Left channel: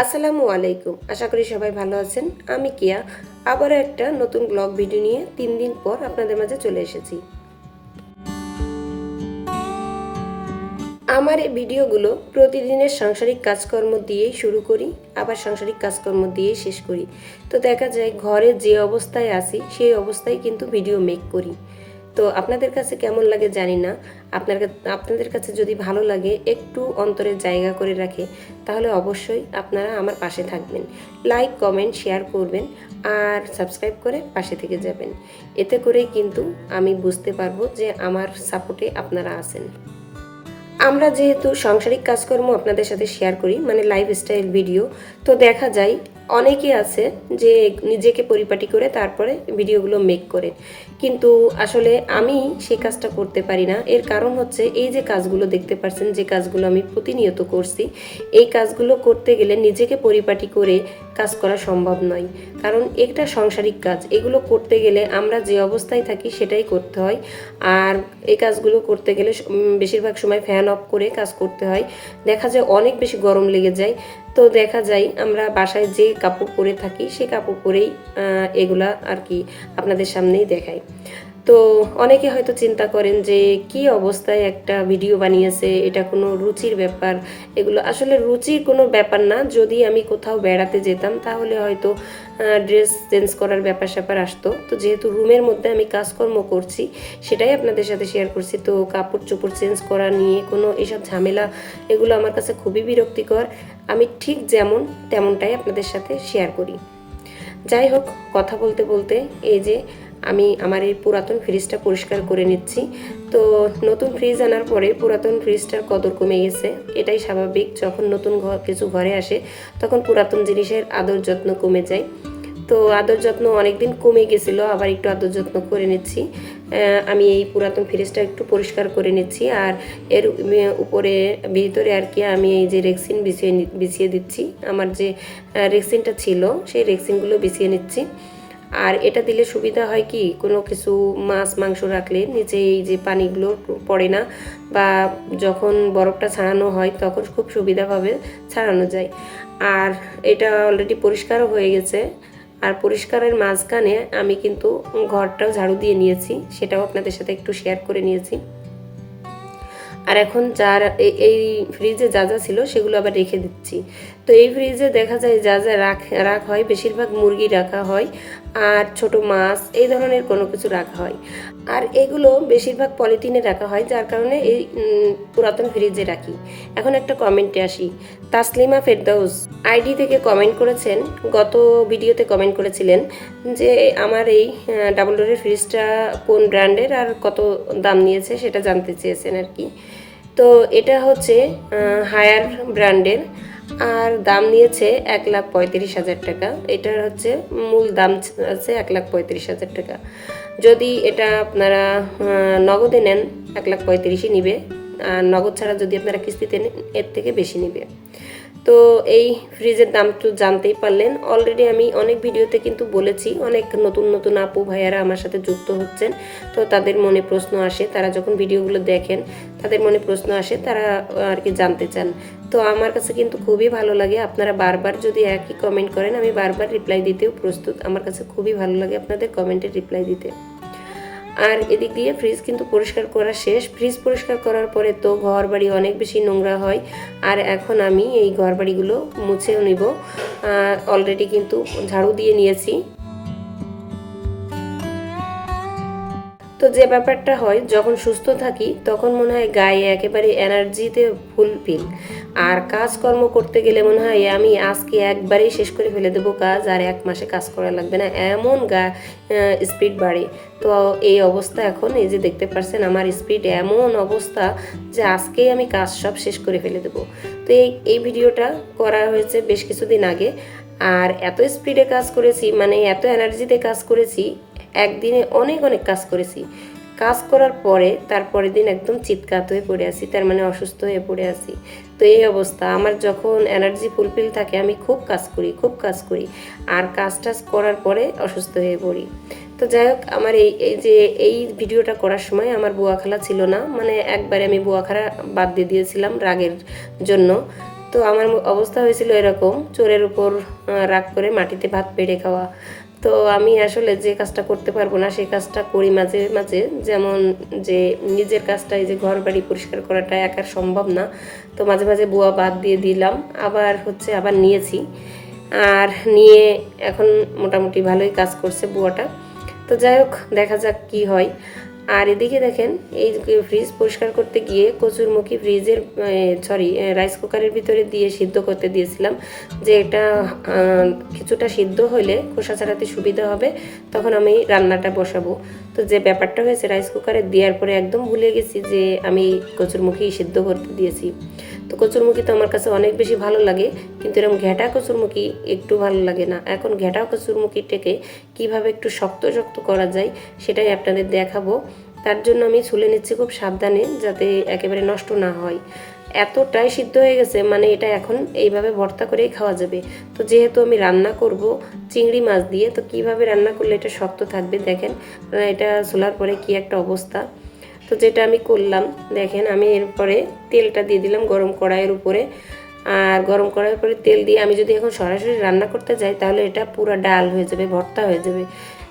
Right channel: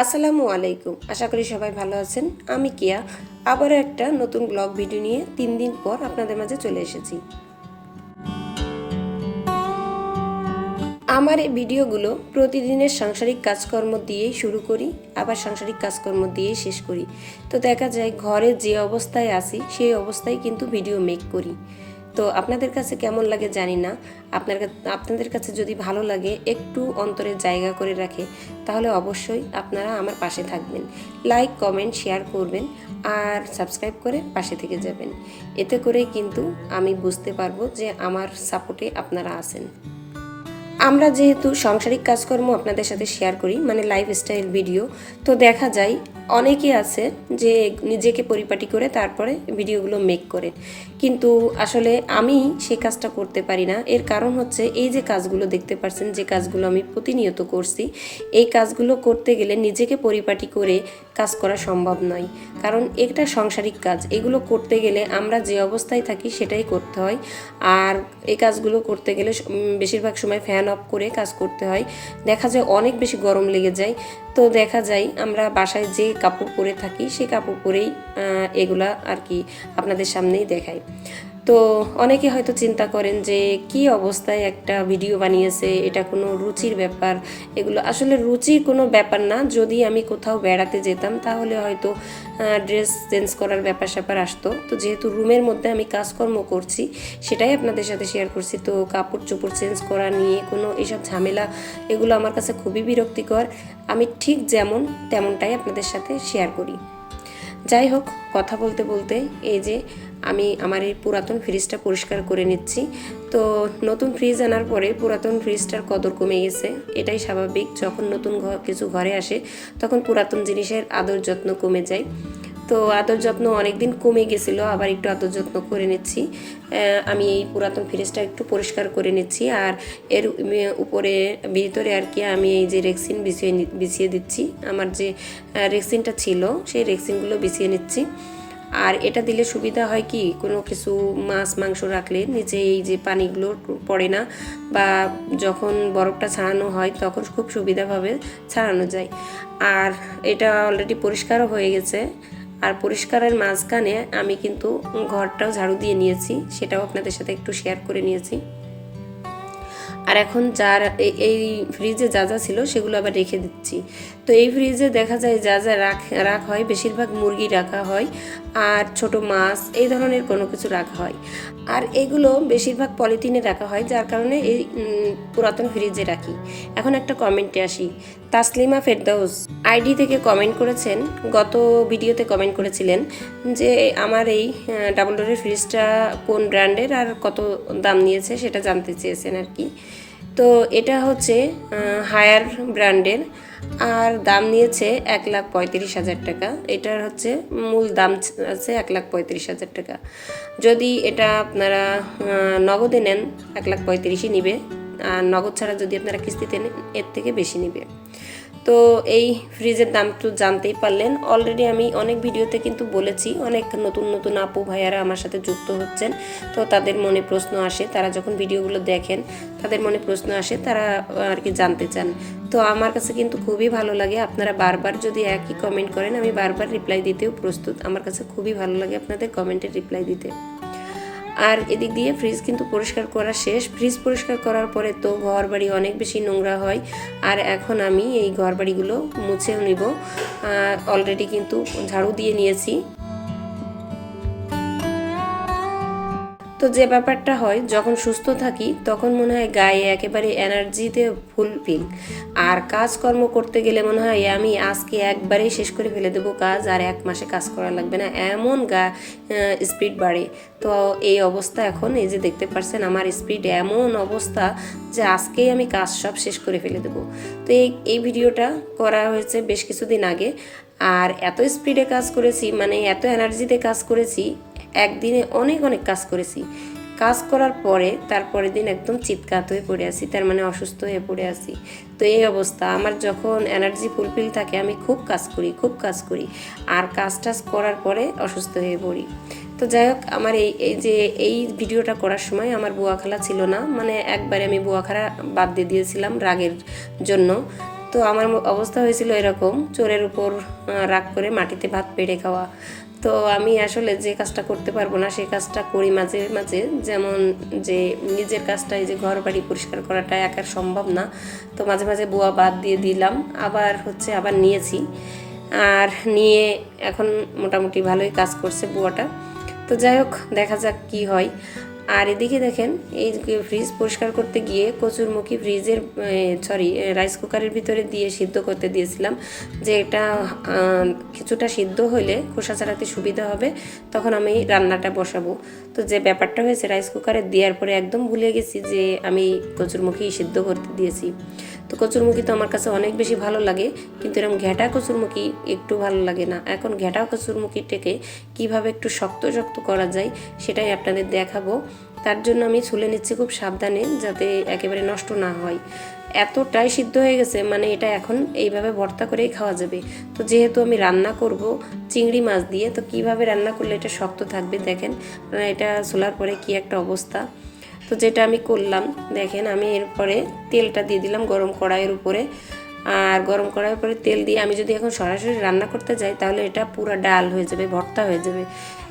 আসসালামু আলাইকুম। আশা করি সবাই ভালো আছেন। আমি কিয়া আবারও একটা নতুন ব্লগ ভিডিও নিয়ে 3 দিন পর আপনাদের মাঝে চলে এসেছি। আমার এই ভিডিওগুলো প্রতিদিনের সাংসারিক কাজকর্ম দিয়েই শুরু করি, আবার সাংসারিক কাজকর্ম দিয়েই শেষ করি। তো দেখা যায় ঘরে যে অবস্থায় আছি সেই অবস্থায় কিন্তু ভিডিও মেক করি। তো আপনাদের কাছে কেমন লাগে জানি না। আপনাদের কাছে যদি ভালো লাগে, একটু অন্তরে জায়গা করে রাখে, তাহলে অবশ্যই আপনারা আমার পাশে থাকবেন। লাইক, কমেন্ট, শেয়ার করবেন আর সাবস্ক্রাইব করে পাশে থেকে যাবেন। এতে করেই কিন্তু আমি বুঝতে পারবো যে আমার সাপোর্টে আপনারা আছেন। আমরা যেহেতু সাংসারিক কাজকর্ম আপনাদের সাথে শেয়ার করি, মানে লাইফস্টাইল ভিডিও, তো দেখা যায় অনেকে আছে যে নিজেকে পরিপাটি করে তারপরে ভিডিওগুলো মেক করে, কিন্তু আসলে আমি সেই কাজটা করতে পারি না। এর কারণ হচ্ছে এই যে কাজগুলো দেখতে পাচ্ছেন, যে কাজগুলো আমি প্রতিনিয়ত করছি, এই কাজগুলো করতে গেলে নিজেকে পরিপাটি করে কাজ করা সম্ভব নয়। কারণ এটা সাংসারিক কাজ, এগুলো করতে গেলে আমরা যে অবস্থায় থাকি সেটাই করতে হয়। আর এই কাজগুলো করতে গেলে বেশিরভাগ সময় ফ্যান অফ করে কাজ করতে হয়। দেখা যায় অনেক বেশি গরম লেগে যায়। তো দেখা যায় আমরা বাসায় যে কাপড় পরে থাকি সেই কাপড় পরেই এগুলা আর কি আপনাদের সামনেই দেখাই। তো অনেকে হয়তো চিন্তা করেন যে কি অবস্থায় একটা ভিডিও বানিয়েছে, এটা কোনো রুচির ব্যাপার। এগুলো আসলে রুচির কোনো ব্যাপার না। যদি আমি কোথাও বেড়াতে যেতাম তাহলে হয়তো ড্রেস চেঞ্জ করার ব্যাপার স্যাপার আসতো। তো যেহেতু রুমের মধ্যে আমি কাজকর্ম করছি, সেটাই আপনাদের সাথে শেয়ার করছি। তো কাপড় চোপড় চেঞ্জ করা নিয়ে কোনো এসব ঝামেলা, এগুলো আমার কাছে খুবই বিরক্তিকর। আমি ঠিক যেমন তেমনটাই আপনাদের সাথে শেয়ার করি। যাই হোক, কথা বলতে বলতে এই যে আমি আমার এই পুরাতন ফ্রিজটা পরিষ্কার করে নিচ্ছি। তো নতুন ফ্রিজ আনার পরে পুরাতন ফ্রিজটার কদর কমে গেছে, এটাই স্বাভাবিক। যখন নতুন কিছু ঘরে আসে তখন পুরাতন জিনিসের আদর যত্ন কমে যায়। তো আদর যত্ন অনেকদিন কমে গেছিলো, আবার একটু আদর যত্ন করে নিচ্ছি। আমি এই পুরাতন ফ্রিজটা একটু পরিষ্কার করে নিচ্ছি, আর এর উপরে ভিতরে আর কি আমি এই যে রেক্সিন বিছিয়ে দিচ্ছি। আমার যে রেক্সিনটা ছিল সেই রেক্সিনগুলো বিছিয়ে নিচ্ছি। আর এটা দিলে সুবিধা হয় কি, কোনো কিছু মাছ মাংস রাখলে নিচে এই যে পানিগুলো পড়ে না, বা যখন বরফটা ছাড়ানো হয় তখন খুব সুবিধাভাবে ছাড়ানো যায়। আর এটা অলরেডি পরিষ্কারও হয়ে গেছে। আর পরিষ্কারের মাঝখানে আমি কিন্তু ঘরটাও ঝাড়ু দিয়ে নিয়েছি, সেটাও আপনাদের সাথে একটু শেয়ার করে নিয়েছি। আর এখন যার এই ফ্রিজে যা যা ছিল সেগুলো আবার রেখে দিচ্ছি। তো এই ফ্রিজে দেখা যায় যা যা রাখা হয়, বেশিরভাগ মুরগি রাখা হয় আর ছোট মাছ, এই ধরনের কোনো কিছু রাখা হয়। আর এগুলো বেশিরভাগ পলিথিনে রাখা হয়, যার কারণে এই পুরাতন ফ্রিজে রাখি। এখন একটা কমেন্টে আসি। তাসলিমা ফেরদাউস আইডি থেকে কমেন্ট করেছেন, গত ভিডিওতে কমেন্ট করেছিলেন যে আমার এই ডাবল ডোরের ফ্রিজটা কোন ব্র্যান্ডের আর কত দাম নিয়েছে সেটা জানতে চেয়েছেন আর কি। তো এটা হচ্ছে হায়ার ব্র্যান্ডের, আর দাম নিয়েছে 1,35,000 টাকা। এটার হচ্ছে মূল দাম আছে 1,35,000 টাকা। যদি এটা আপনারা নগদে নেন 1,35,000 নিবে, আর নগদ ছাড়া যদি আপনারা কিস্তিতে নেন এর থেকে বেশি নিবে। তো এই ফ্রিজের দাম তো জানতেই পারলেন। অলরেডি আমি অনেক ভিডিওতে কিন্তু বলেছি, অনেক নতুন নতুন আপু ভাইয়ারা আমার সাথে যুক্ত হচ্ছেন। তো তাদের মনে প্রশ্ন আসে, তারা যখন ভিডিওগুলো দেখেন তাদের মনে প্রশ্ন আসে, তারা আর কি জানতে চান। তো আমার কাছে কিন্তু খুবই ভালো লাগে, আপনারা বারবার যদি একই কমেন্ট করেন আমি বারবার রিপ্লাই দিতেও প্রস্তুত। আমার কাছে খুবই ভালো লাগে আপনাদের কমেন্টের রিপ্লাই দিতে। আর এদিক দিয়ে ফ্রিজ কিন্তু পরিষ্কার করা শেষ। ফ্রিজ পরিষ্কার করার পরে তো ঘর বাড়ি অনেক বেশি নোংরা হয়, আর এখন আমি এই ঘর বাড়িগুলো মুছেও নিব। অলরেডি কিন্তু ঝাড়ু দিয়ে নিয়েছি। তো যে ব্যাপারটা হয়, যখন সুস্থ থাকি তখন মনে হয় গায়ে একেবারে এনার্জিতে ফুলফিল, আর কাজকর্ম করতে গেলে মনে হয় আমি আজকে একবারেই শেষ করে ফেলে দেবো কাজ, আর 1 মাসে কাজ করা লাগবে না, এমন স্পিড বাড়ে। তো এই অবস্থা এখন, এই যে দেখতে পাচ্ছেন আমার স্পিড এমন অবস্থা যে আজকেই আমি কাজ সব শেষ করে ফেলে দেবো। তো এই ভিডিওটা করা হয়েছে বেশ কিছুদিন আগে, আর এত স্পিডে কাজ করেছি, মানে এত এনার্জিতে কাজ করেছি, একদিনে অনেক অনেক কাজ করেছি। কাজ করার পরে তারপরের দিন একদম চিৎকার হয়ে পড়ে আসি, তার মানে অসুস্থ হয়ে পড়ে আসি। তো এই অবস্থা আমার, যখন এনার্জি ফুলফিল থাকে আমি খুব কাজ করি, আর কাজ টাজ করার পরে অসুস্থ হয়ে পড়ি। তো যাই হোক, আমার এই ভিডিওটা করার সময় আমার বুয়া খালা ছিল না, মানে একবারে আমি বুয়া খালা বাদ দিয়ে দিয়েছিলাম রাগের জন্য। তো আমার অবস্থা হয়েছিল এরকম, চোরের উপর রাগ করে মাটিতে ভাত পেড়ে খাওয়া। তো আমি আসলে যে কাজটা করতে পারবো না সেই কাজটা করি মাঝে মাঝে, যেমন যে নিজের কাজটা, এই যে ঘর বাড়ি পরিষ্কার করাটা একার সম্ভব না। তো মাঝে মাঝে বুয়া বাদ দিয়ে দিলাম, আবার নিয়েছি, আর নিয়ে এখন মোটামুটি ভালোই কাজ করছে বুয়াটা। তো যাই হোক, দেখা যাক কি হয়। আর এদিকে দেখেন, এই ফ্রিজ পরিষ্কার করতে গিয়ে কচুরমুখী রাইস কুকারের ভিতরে দিয়ে সিদ্ধ করতে দিয়েছিলাম, যে এটা কিছুটা সিদ্ধ হলে খোসা ছাড়াতে সুবিধা হবে, তখন আমি রান্নাটা বসাবো। তো যে ব্যাপারটা হয়েছে, রাইস কুকারে দেওয়ার পরে একদম ভুলে গেছি যে আমি কচুরমুখী সিদ্ধ করতে দিয়েছি। তো কচুরমুখী তো আমার কাছে অনেক বেশি ভালো লাগে, কিন্তু এরকম ঘেঁটা কচুরমুখী একটু ভালো লাগে না। এখন ঘেঁটা কচুরমুখীটাকে কীভাবে একটু শক্ত শক্ত করা যায় সেটাই আপনাদের দেখাবো। তার জন্য আমি ছুলে নিচ্ছি খুব সাবধানে, যাতে একেবারে নষ্ট না হয়। এতটাই সিদ্ধ হয়ে গেছে, মানে এটা এখন এইভাবে ভর্তা করেই খাওয়া যাবে। তো যেহেতু আমি রান্না করব চিংড়ি মাছ দিয়ে, তো কিভাবে রান্না করলে এটা শক্ত থাকবে দেখেন, এটা ছোলার পরে কি একটা অবস্থা। তো যেটা আমি করলাম দেখেন, আমি এরপরে তেলটা দিয়ে দিলাম গরম কড়াইয়ের উপরে। আর গরম কড়াইয়ের উপরে তেল দিয়ে আমি যদি এখন সরাসরি রান্না করতে যাই, তাহলে এটা পুরো ডাল হয়ে যাবে, ভর্তা হয়ে যাবে।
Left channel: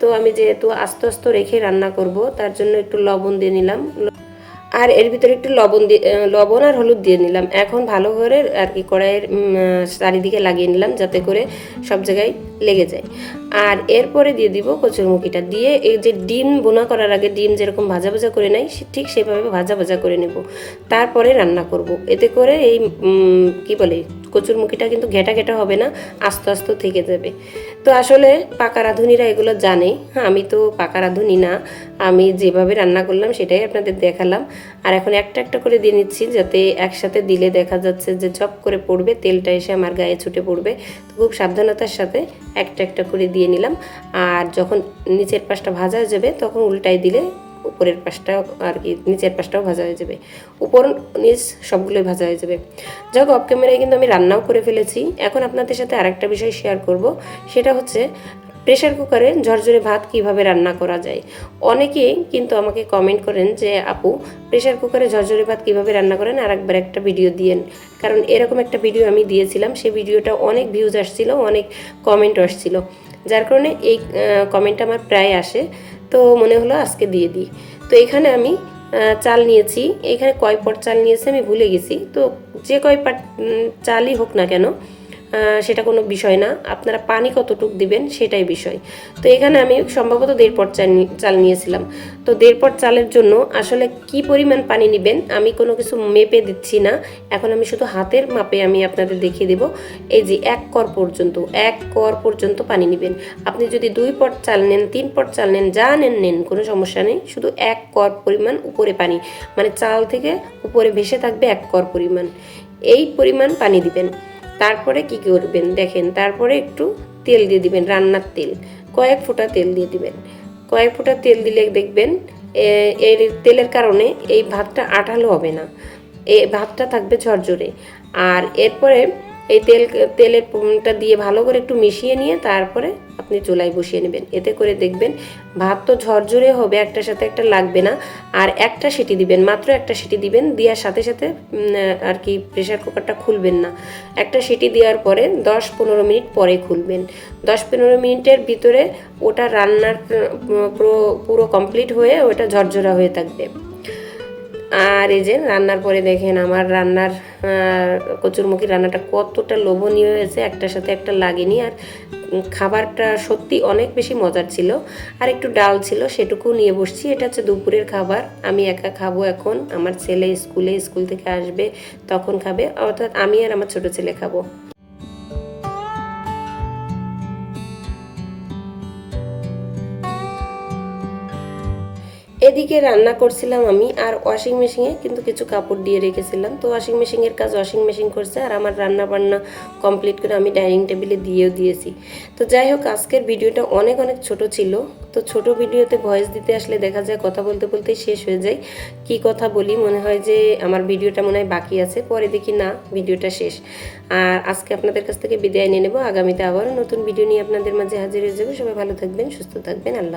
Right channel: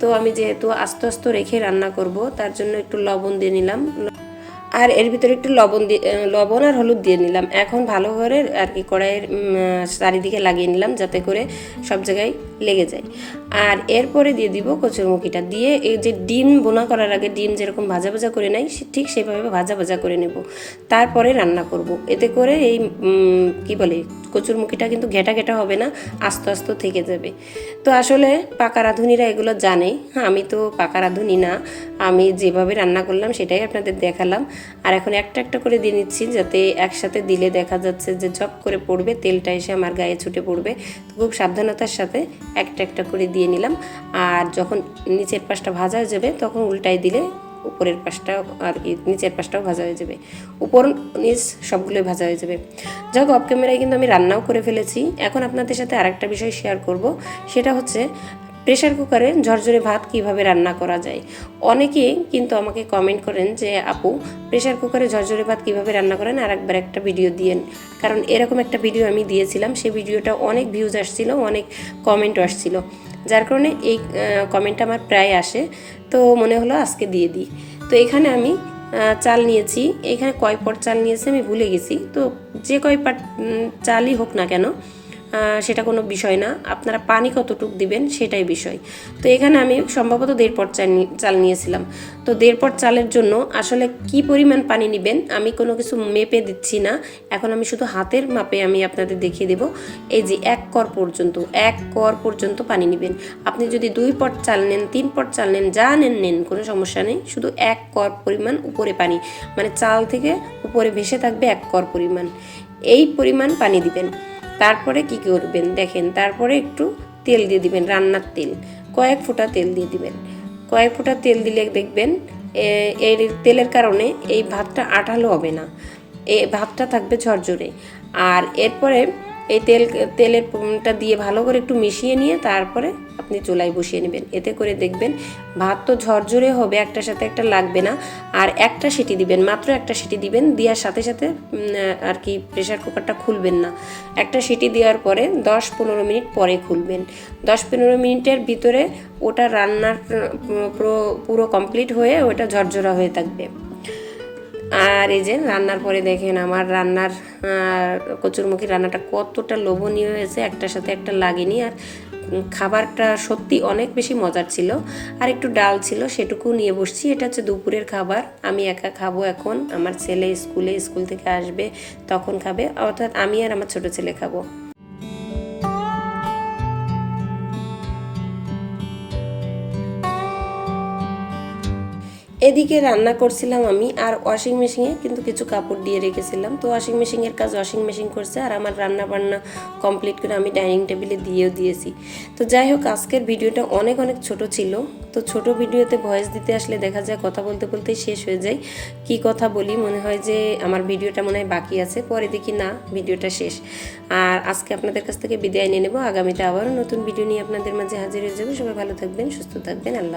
তো আমি যেহেতু আস্তে আস্তে রেখে রান্না করব, তার জন্য একটু লবণ দিয়ে নিলাম, আর এর ভিতরে একটু লবণ আর হলুদ দিয়ে নিলাম। এখন ভালো করে আর কি কড়াইয়ের চারিদিকে লাগিয়ে নিলাম, যাতে করে সব জায়গায় লেগে যায়। আর এরপরে দিয়ে দিব কচুরমুখিটা দিয়ে, এই যে ডিম বোনা করার আগে ডিম যেরকম ভাজা ভাজা করে নেয়, ঠিক সেভাবে ভাজা ভাজা করে নেব, তারপরে রান্না করব। এতে করে এই কি বলে কচুরমুখিটা কিন্তু ঘেঁটা ঘেঁটা হবে না, আস্তে আস্তে থেকে যাবে। তো আসলে পাকা রাঁধুনিরা এগুলো জানে, আমি তো পাকা রাঁধুনি না, আমি যেভাবে রান্না করলাম সেটাই আপনাদের দেখালাম। আর এখন একটা একটা করে দিয়ে নিচ্ছি, যাতে একসাথে দিলে দেখা যাচ্ছে যে ঝপ করে পড়বে, তেলটা এসে আমার গায়ে ছুটে পড়বে। তো খুব সাবধানতার সাথে একটা একটা করে দিয়ে নিলাম। আর যখন নিচের পাশটা ভাজা হয়ে যাবে, তখন উল্টাই দিলে উপরের পাশটা আর কি নিচের পাশটাও ভাজা হয়ে যাবে, উপর নিচ সবগুলোই ভাজা হয়ে যাবে। যাই হোক, অফ ক্যামেরায় কিন্তু আমি রান্নাও করে ফেলেছি। এখন আপনাদের সাথে আরেকটা বিষয় শেয়ার করব, সেটা হচ্ছে প্রেশার কুকারে ঝরঝরে ভাত কিভাবে রান্না করা যায়। অনেকেই কিন্তু আমাকে কমেন্ট করেন যে আপু, প্রেশার কুকারে ঝরঝরে ভাত কিভাবে রান্না করেন, আর একবার একটা ভিডিও দিয়েন। কারণ এরকম একটা ভিডিও আমি দিয়েছিলাম, সেই ভিডিওটা অনেক ভিউজ আসছিল, অনেক কমেন্ট আসছিল, যার কারণে এই কমেন্টটা আমার প্রায় আসে। তো মনে হলো আজকে দিয়ে দিই। তো এখানে আমি চাল নিয়েছি, এখানে কয় পট চাল নিয়েছি আমি ভুলে গেছি। তো যে কয় পট চালই হোক না কেন, সেটা কোনো বিষয় না, আপনারা পানি কতটুকু দিবেন সেটাই বিষয়। তো এখানে আমি সম্ভবত 1.5 পট চাল নিয়েছিলাম। তো 1.5 পট চালের জন্য আসলে কি পরিমাণ পানি নেবেন আমি কোনো কিছু মেপে দিচ্ছি না, এখন আমি শুধু হাতের মাপে আমি আপনাদের দেখিয়ে দেব। এই যে 1 কর পর্যন্ত পানি নেবেন। আপনি যদি 2 পট চাল নেন, 3 পট চাল নেন, যা নেন কোনো সমস্যা নেই, শুধু 1 কর পরিমাণ উপরে পানি, মানে চাল থেকে উপরে ভেসে থাকবে 1 কর পরিমাণ, এই পরিমাণ পানি দিবেন। তারপরে কি করবেন দেখেন, তারপরে একটু তেল দিয়ে দিবেন, রান্নার তেল, কয়েক ফোঁটা তেল দিয়ে দিবেন। কয়েক ফোঁটা তেল দিলে দেখবেন এর তেলের কারণে এই ভাতটা আঠালো হবে না, এই ভাতটা থাকবে ঝরঝরে। আর এরপরে এই তেলেরটা দিয়ে ভালো করে একটু মিশিয়ে নিয়ে তারপরে আপনি চুলায় বসিয়ে নেবেন। এতে করে দেখবেন ভাত তো ঝরঝরে হবে, একটার সাথে একটা লাগবে না। আর একটা সিটি দিবেন, মাত্র একটা সিটি দিবেন, দেওয়ার সাথে সাথে আর কি প্রেশার কুকারটা খুলবেন না। একটা সিটি দেওয়ার পরে 10-15 মিনিট পরে খুলবেন। 10-15 মিনিটের ভিতরে ওটা রান্নার পুরো কমপ্লিট হয়ে ওটা ঝরঝরা হয়ে থাকবে। আর এই যে রান্নার পরে দেখেন আমার রান্নার কচুরমুখী রান্নাটা কতটা লোভনীয় হয়েছে, একটার সাথে একটা লাগেনি। আর খাবারটা সত্যি অনেক বেশি মজার ছিল। আর একটু ডাল ছিল, সেটুকু নিয়ে বসছি। এটা হচ্ছে দুপুরের খাবার, আমি একা খাবো এখন, আমার ছেলে স্কুল থেকে আসবে তখন খাবে, অর্থাৎ আমি আর আমার ছোট ছেলে খাবো। এদিকে রান্না করছিলাম আমি, আর ওয়াশিং মেশিনে কিন্তু কিছু কাপড় দিয়ে রেখেছিলাম। তো ওয়াশিং মেশিনের কাজ ওয়াশিং মেশিন করছে, আর আমার রান্না বান্না কমপ্লিট করে আমি ডাইনিং টেবিলে দিয়েও দিয়েছি। তো যাই হোক, আজকের ভিডিওটা অনেক ছোট ছিল। তো ছোট ভিডিওতে ভয়েস দিতে আসলে দেখা যায় কথা বলতে বলতেই শেষ হয়ে যায়, কি কথা বলি মনে হয় যে আমার ভিডিওটা মনে হয় বাকি আছে, পরে দেখি না ভিডিওটা শেষ। আর আজকে আপনাদের কাছ থেকে বিদায় নিয়ে নেব, আগামীতে আবারও নতুন ভিডিও নিয়ে আপনাদের মাঝে হাজির হয়ে যাবে। সবাই ভালো থাকবেন, সুস্থ থাকবেন, আল্লাহ।